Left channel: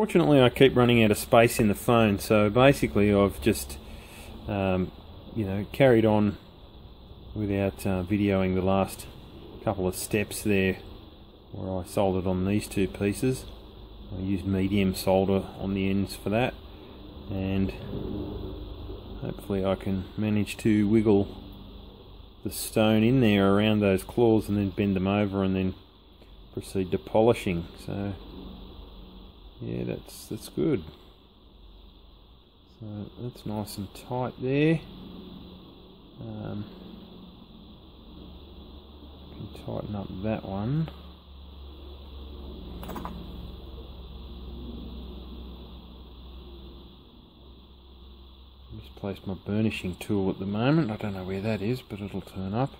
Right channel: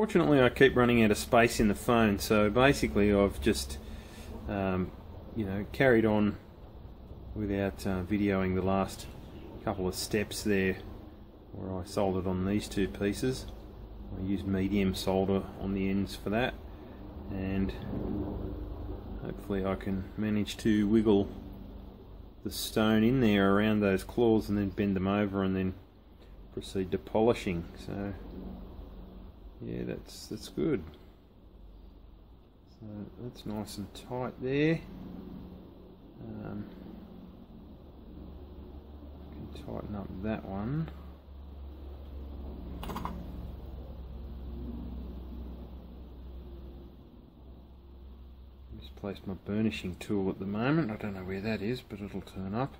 Unfortunately, I keep running out of space in the phone, so basically I've just you know, carried on without videoing the last couple of steps there where I soldered on these two pieces. I used medium solder on the ends for that, and hopefully I can manage to wiggle the stone in there around those claws and then bend them over and then proceed to polishing. So yeah, that's good. So that's nice and tight there. Can tighten up that one. Misplaced my burnishing tool at the moment. I don't know where that is, but it'll turn up.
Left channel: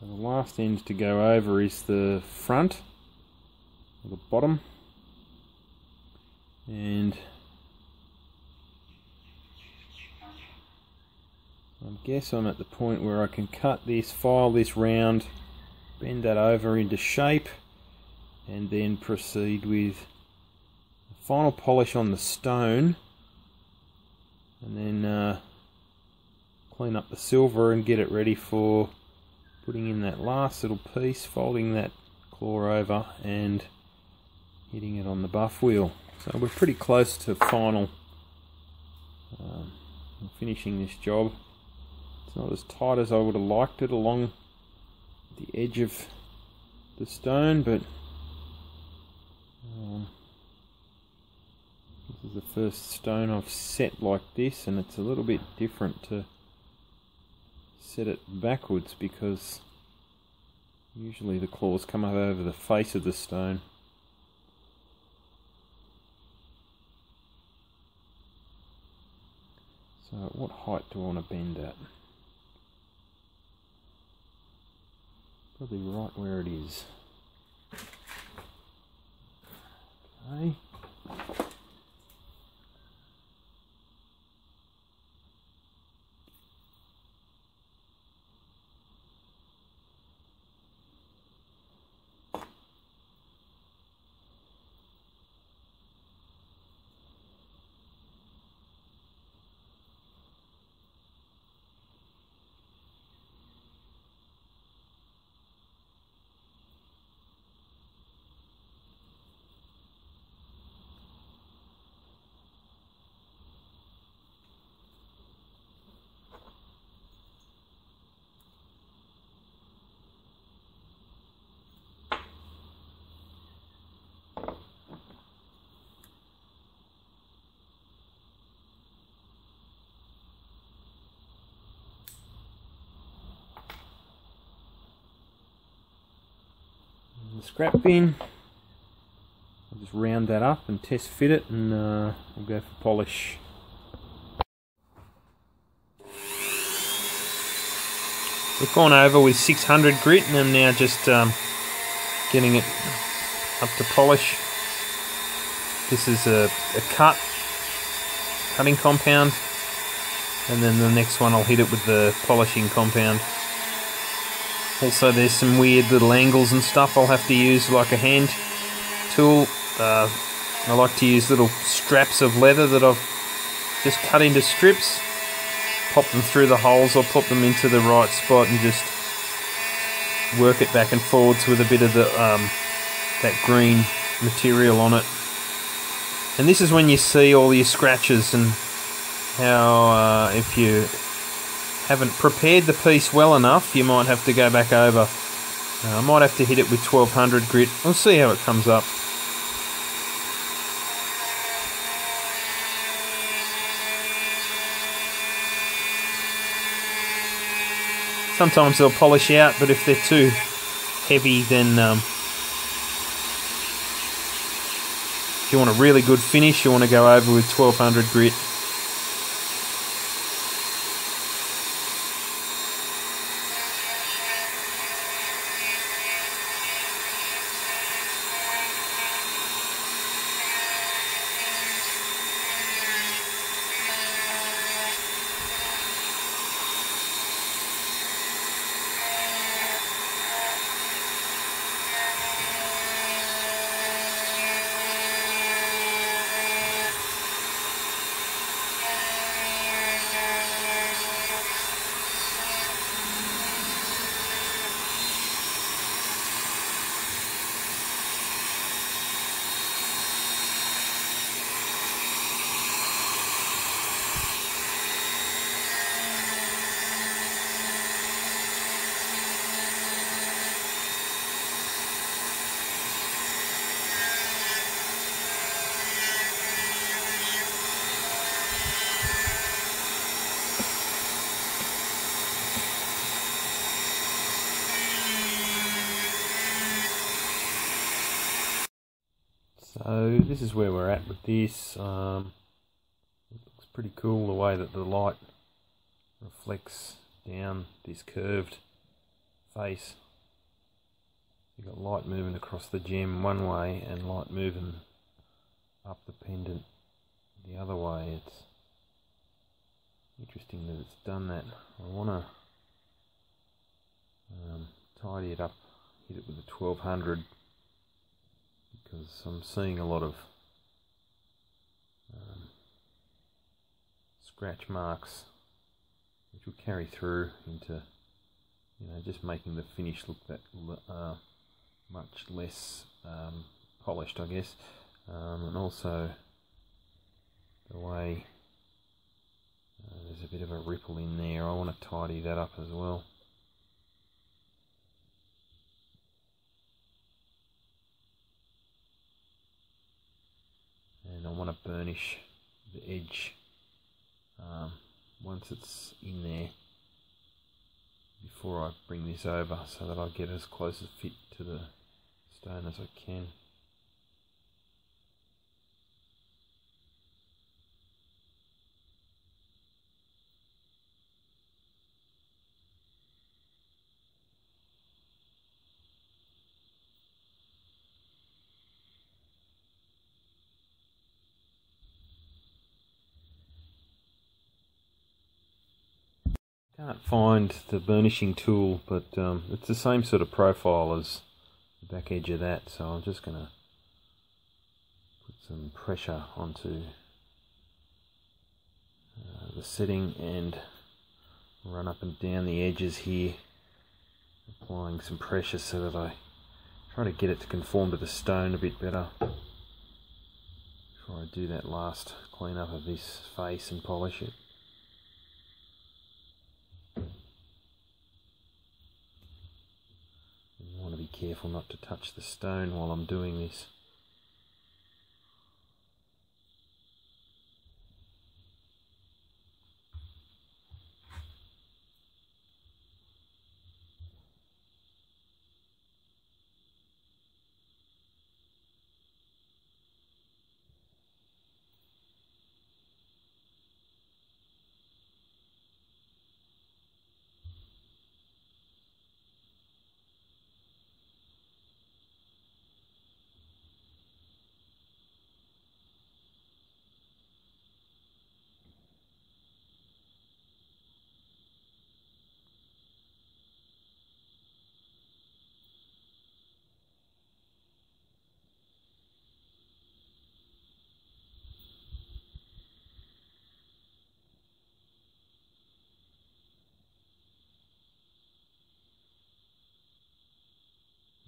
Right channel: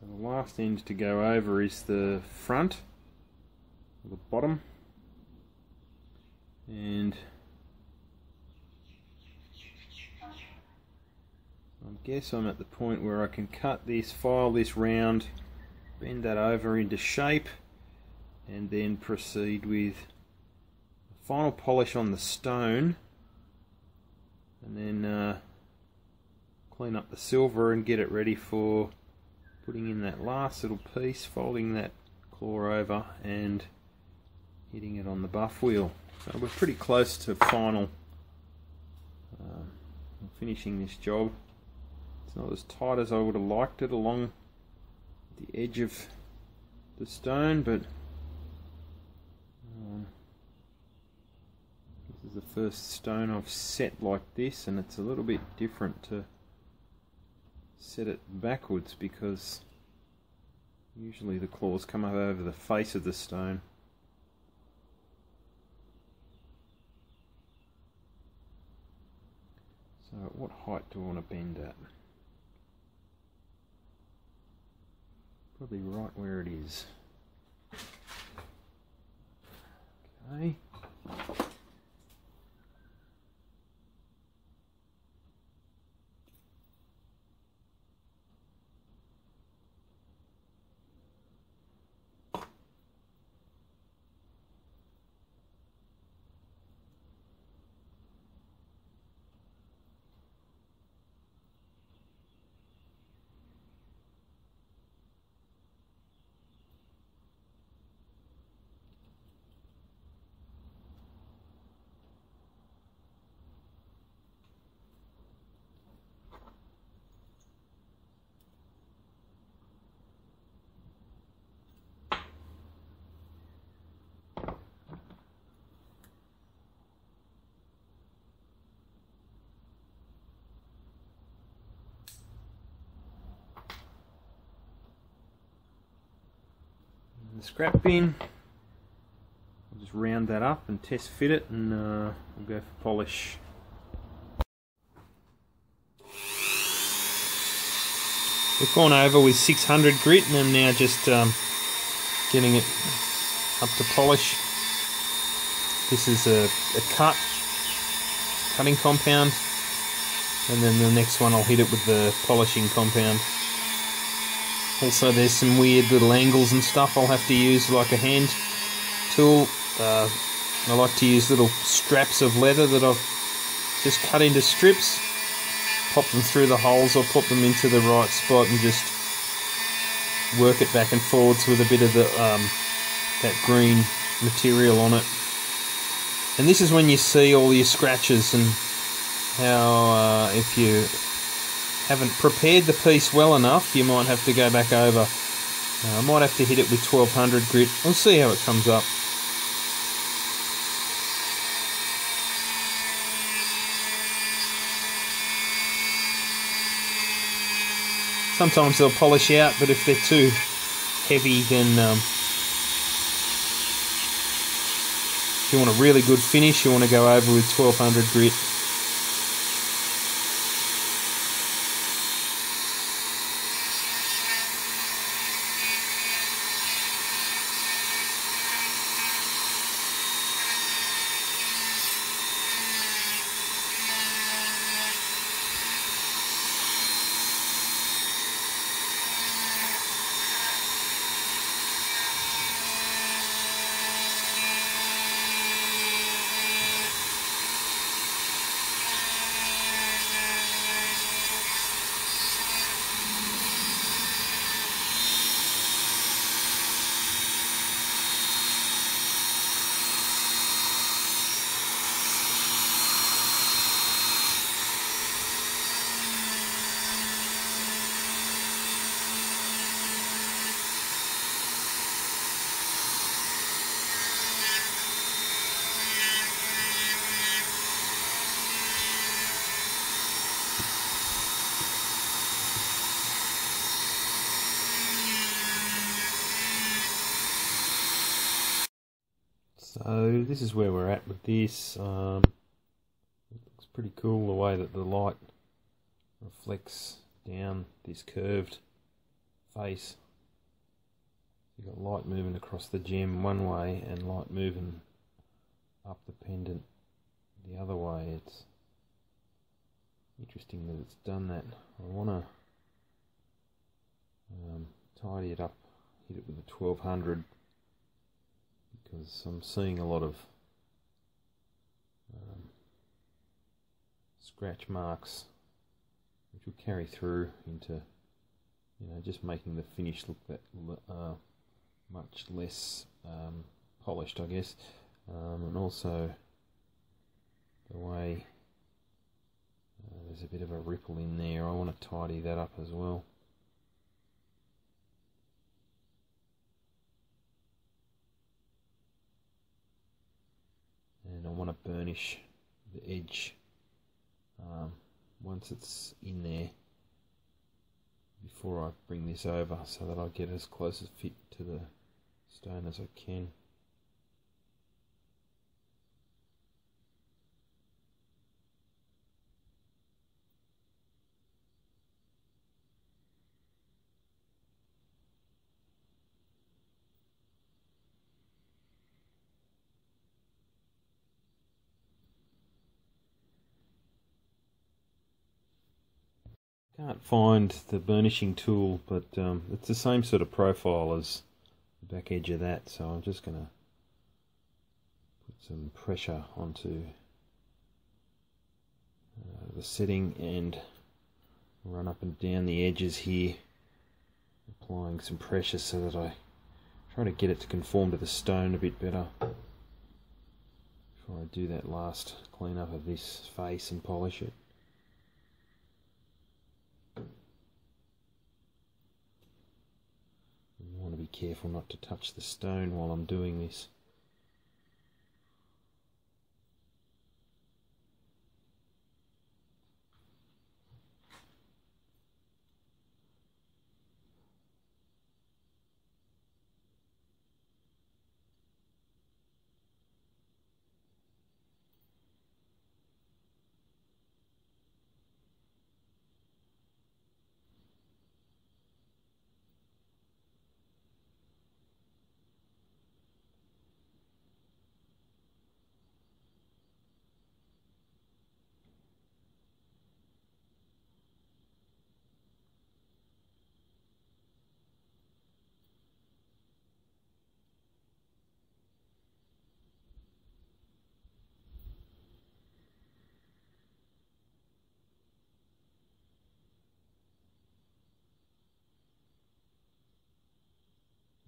So the last end to go over is the front, or the bottom, and I guess I'm at the point where I can cut this, file this round, bend that over into shape, and then proceed with the final polish on the stone, and then clean up the silver and get it ready for putting in that last little piece, folding that claw over and hitting it on the buff wheel. So we're pretty close to final finishing this job. It's not as tight as I would have liked it along the edge of the stone, but this is the first stone I've set like this, and it's a little bit different to set it backwards because usually the claws come up over the face of the stone. So at what height do I want to bend at? Probably right where it is. Okay. The scrap bin, I'll just round that up and test fit it, and we'll go for polish. We've gone over with 600 grit, and I'm now just getting it up to polish. This is a cutting compound, and then the next one I'll hit it with the polishing compound. Also, there's some weird little angles and stuff I'll have to use, like a hand tool. I like to use little straps of leather that I've just cut into strips, pop them through the holes, or pop them into the right spot and just work it back and forwards with a bit of the that green material on it. And this is when you see all your scratches and how if you haven't prepared the piece well enough, you might have to go back over. I might have to hit it with 1200 grit. We'll see how it comes up. Sometimes they'll polish out, but if they're too heavy, then if you want a really good finish, you want to go over with 1200 grit. So this is where we're at with this. It looks pretty cool the way that the light reflects down this curved face. You've got light moving across the gem one way and light moving up the pendant the other way. It's interesting that it's done that. I want to tidy it up, hit it with a 1200, because I'm seeing a lot of scratch marks which will carry through into, you know, just making the finish look that much less polished, I guess, and also the way there's a bit of a ripple in there. I want to tidy that up as well. And I want to burnish the edge once it's in there before I bring this over, so that I get as close as fit to the stone as I can. Can't find the burnishing tool, but it's the same sort of profile as the back edge of that, so I'm just going to put some pressure onto the setting and run up and down the edges here, applying some pressure so that I try to get it to conform to the stone a bit better before I do that last clean up of this face and polish it. You want to be careful not to touch the stone while I'm doing this.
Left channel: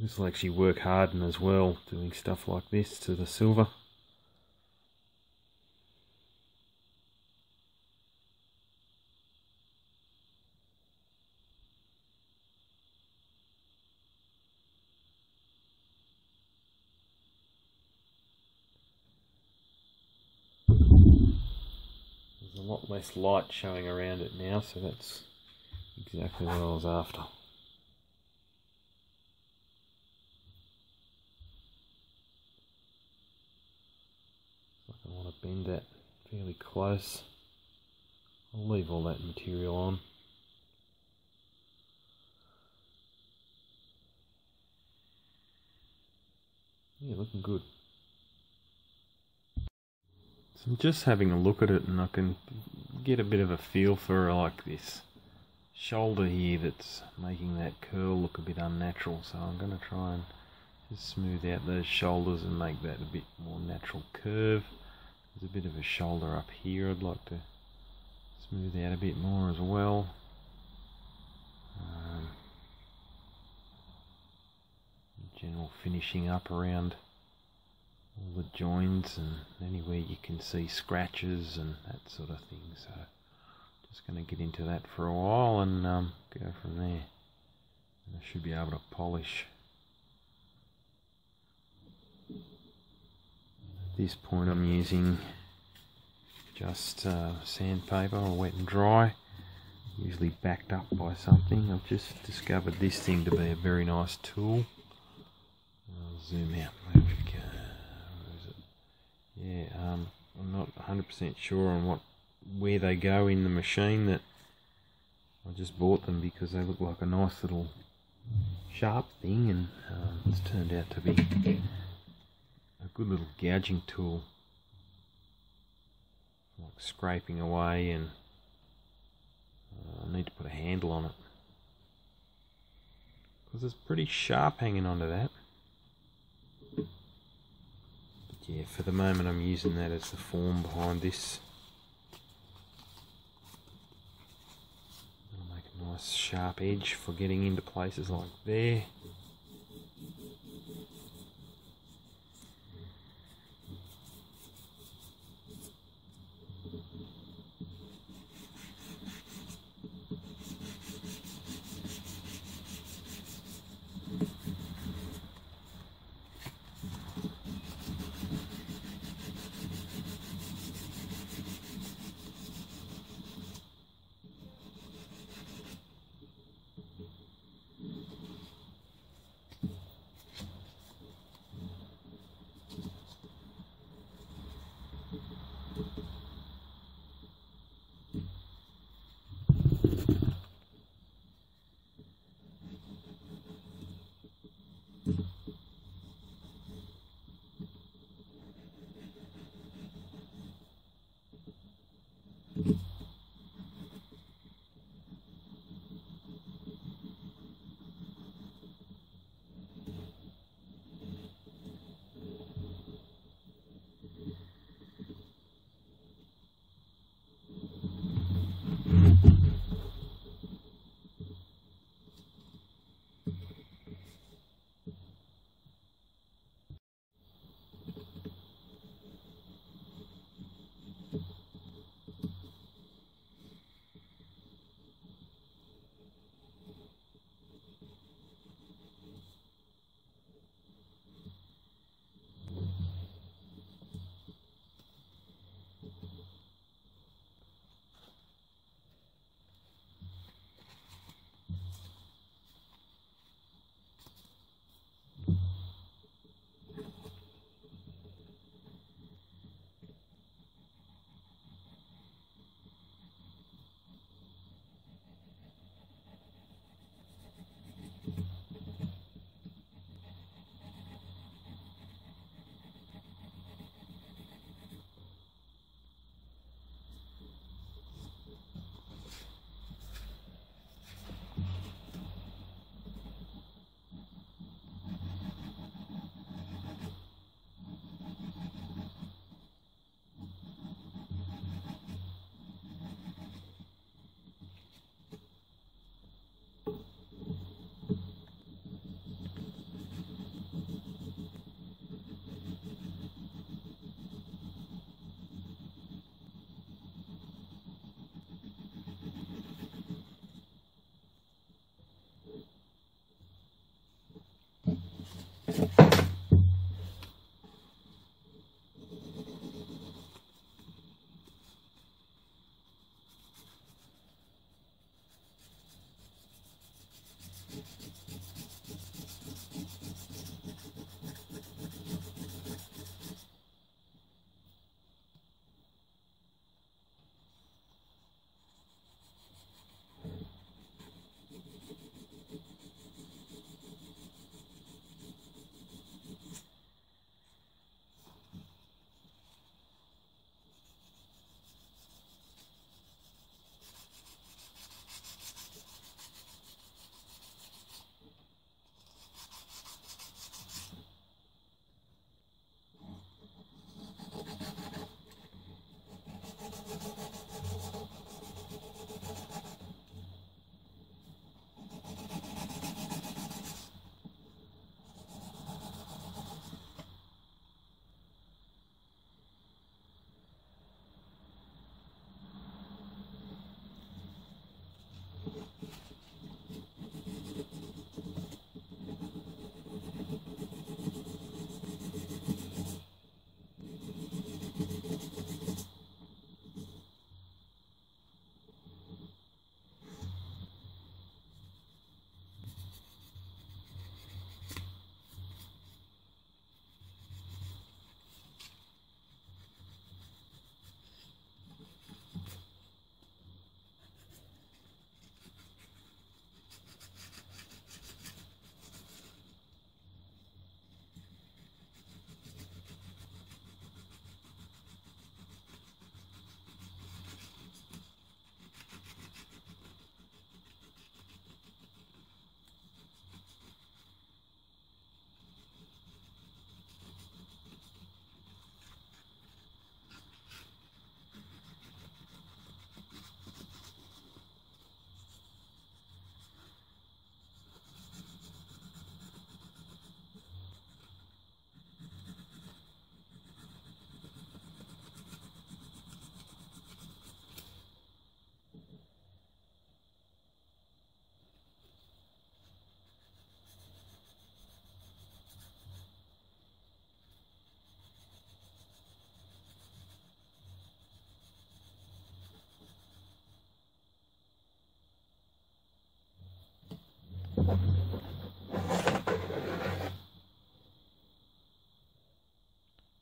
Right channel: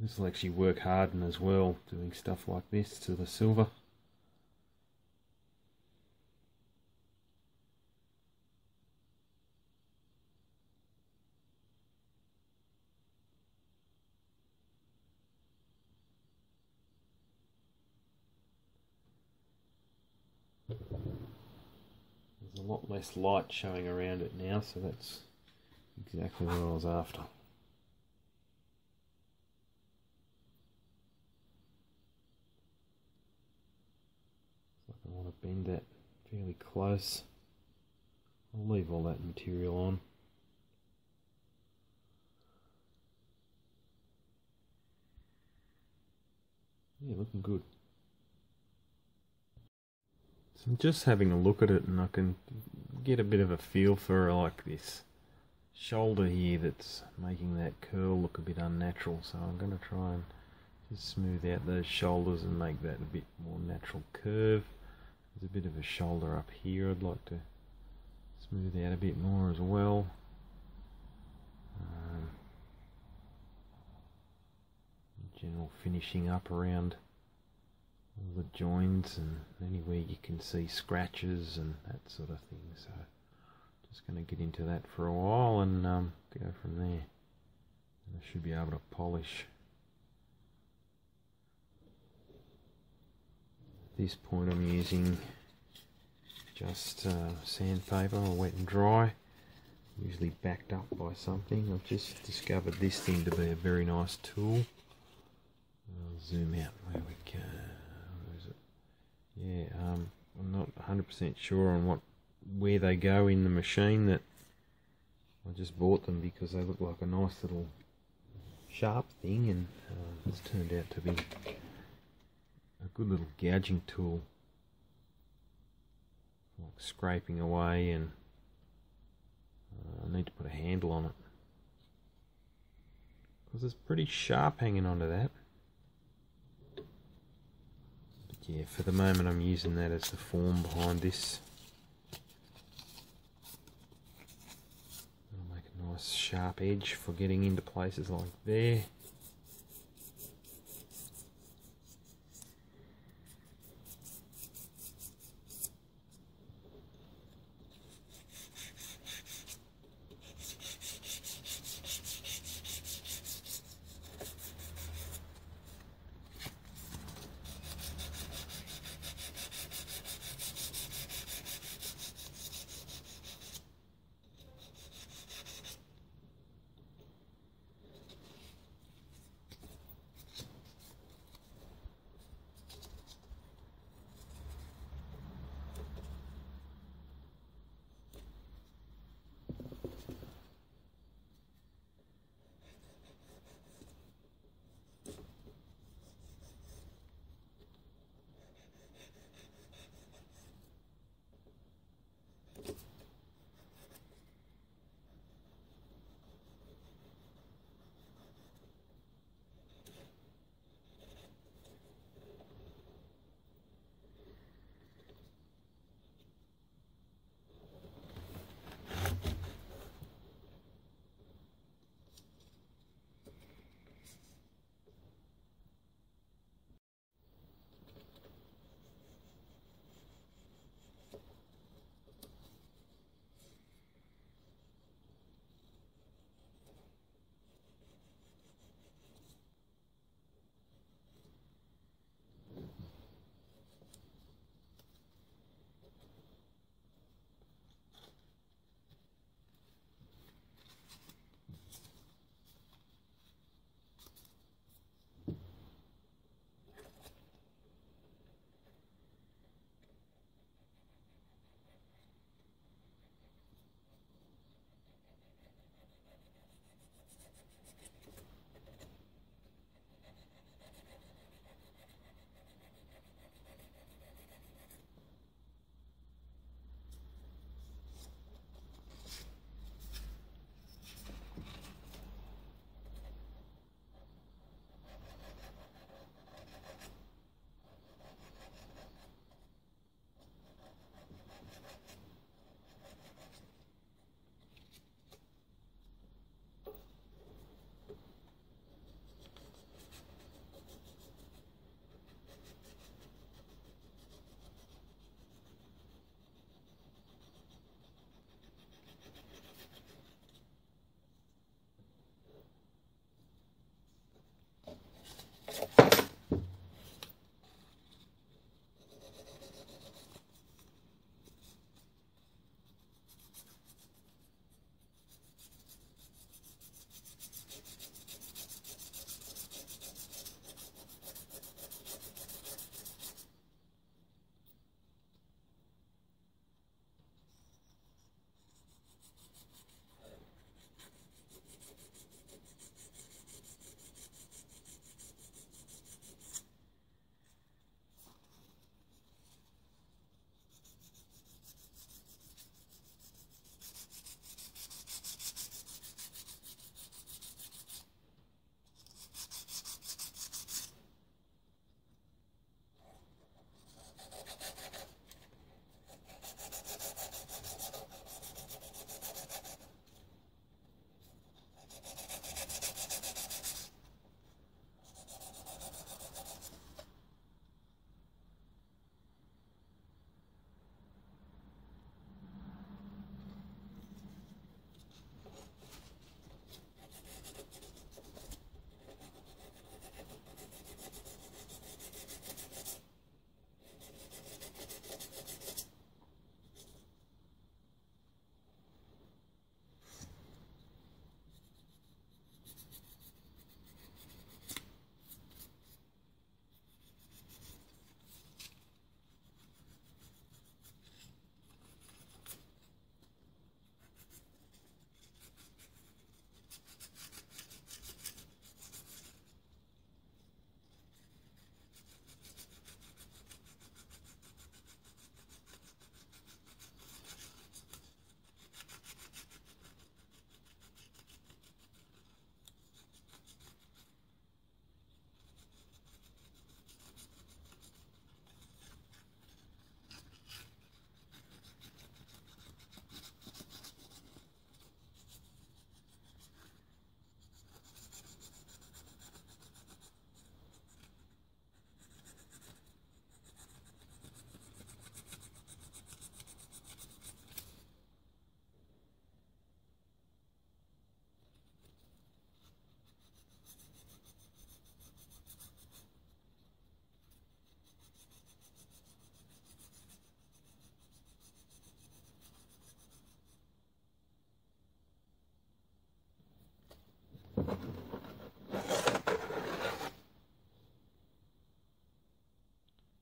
This will actually work harden as well, doing stuff like this to the silver. There's a lot less light showing around it now, so that's exactly what I was after. I want to bend that fairly close. I'll leave all that material on. Yeah, looking good. So I'm just having a look at it, and I can get a bit of a feel for like this shoulder here that's making that curl look a bit unnatural. So I'm going to try and just smooth out those shoulders and make that a bit more natural curve. There's a bit of a shoulder up here I'd like to smooth out a bit more as well. General finishing up around all the joints and anywhere you can see scratches and that sort of thing. So just going to get into that for a while and go from there. And I should be able to polish. At this point I'm using just sandpaper, or wet and dry, usually backed up by something. I've just discovered this thing to be a very nice tool. I'll zoom out. There we go. Where is yeah, I'm not 100% sure on where they go in the machine. That I just bought them because they look like a nice little sharp thing, and it's turned out to be a good little gouging tool, like scraping away, and I need to put a handle on it because it's pretty sharp hanging onto that. But yeah, for the moment I'm using that as the form behind this. It'll make a nice sharp edge for getting into places like there.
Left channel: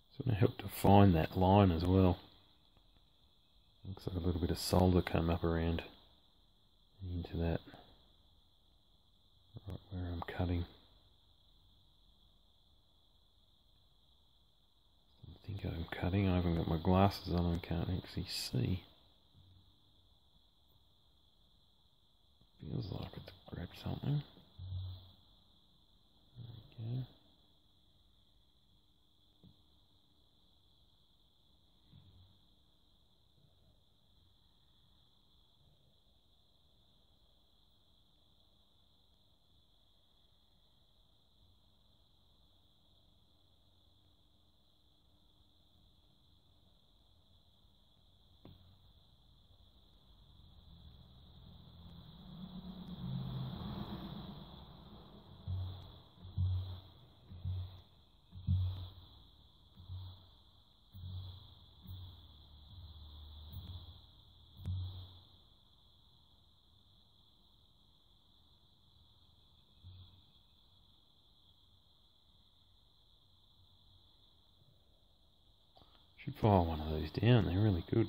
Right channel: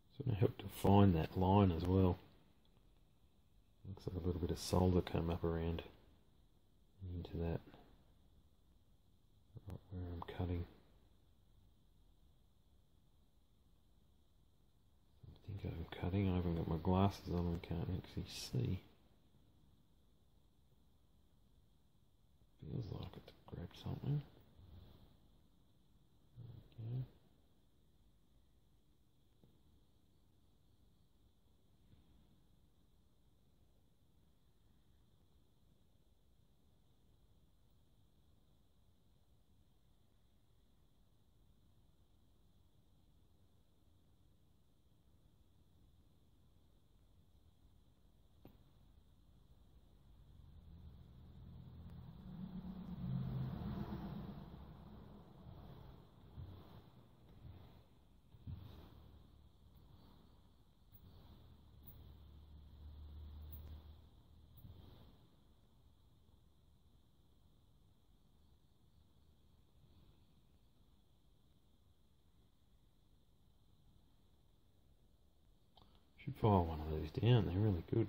It's going to help define that line as well. Looks like a little bit of solder came up around into that, right where I'm cutting. I think I'm cutting. I haven't got my glasses on and can't actually see. Feels like it's grabbed something. There we go. Should file one of those down, they're really good.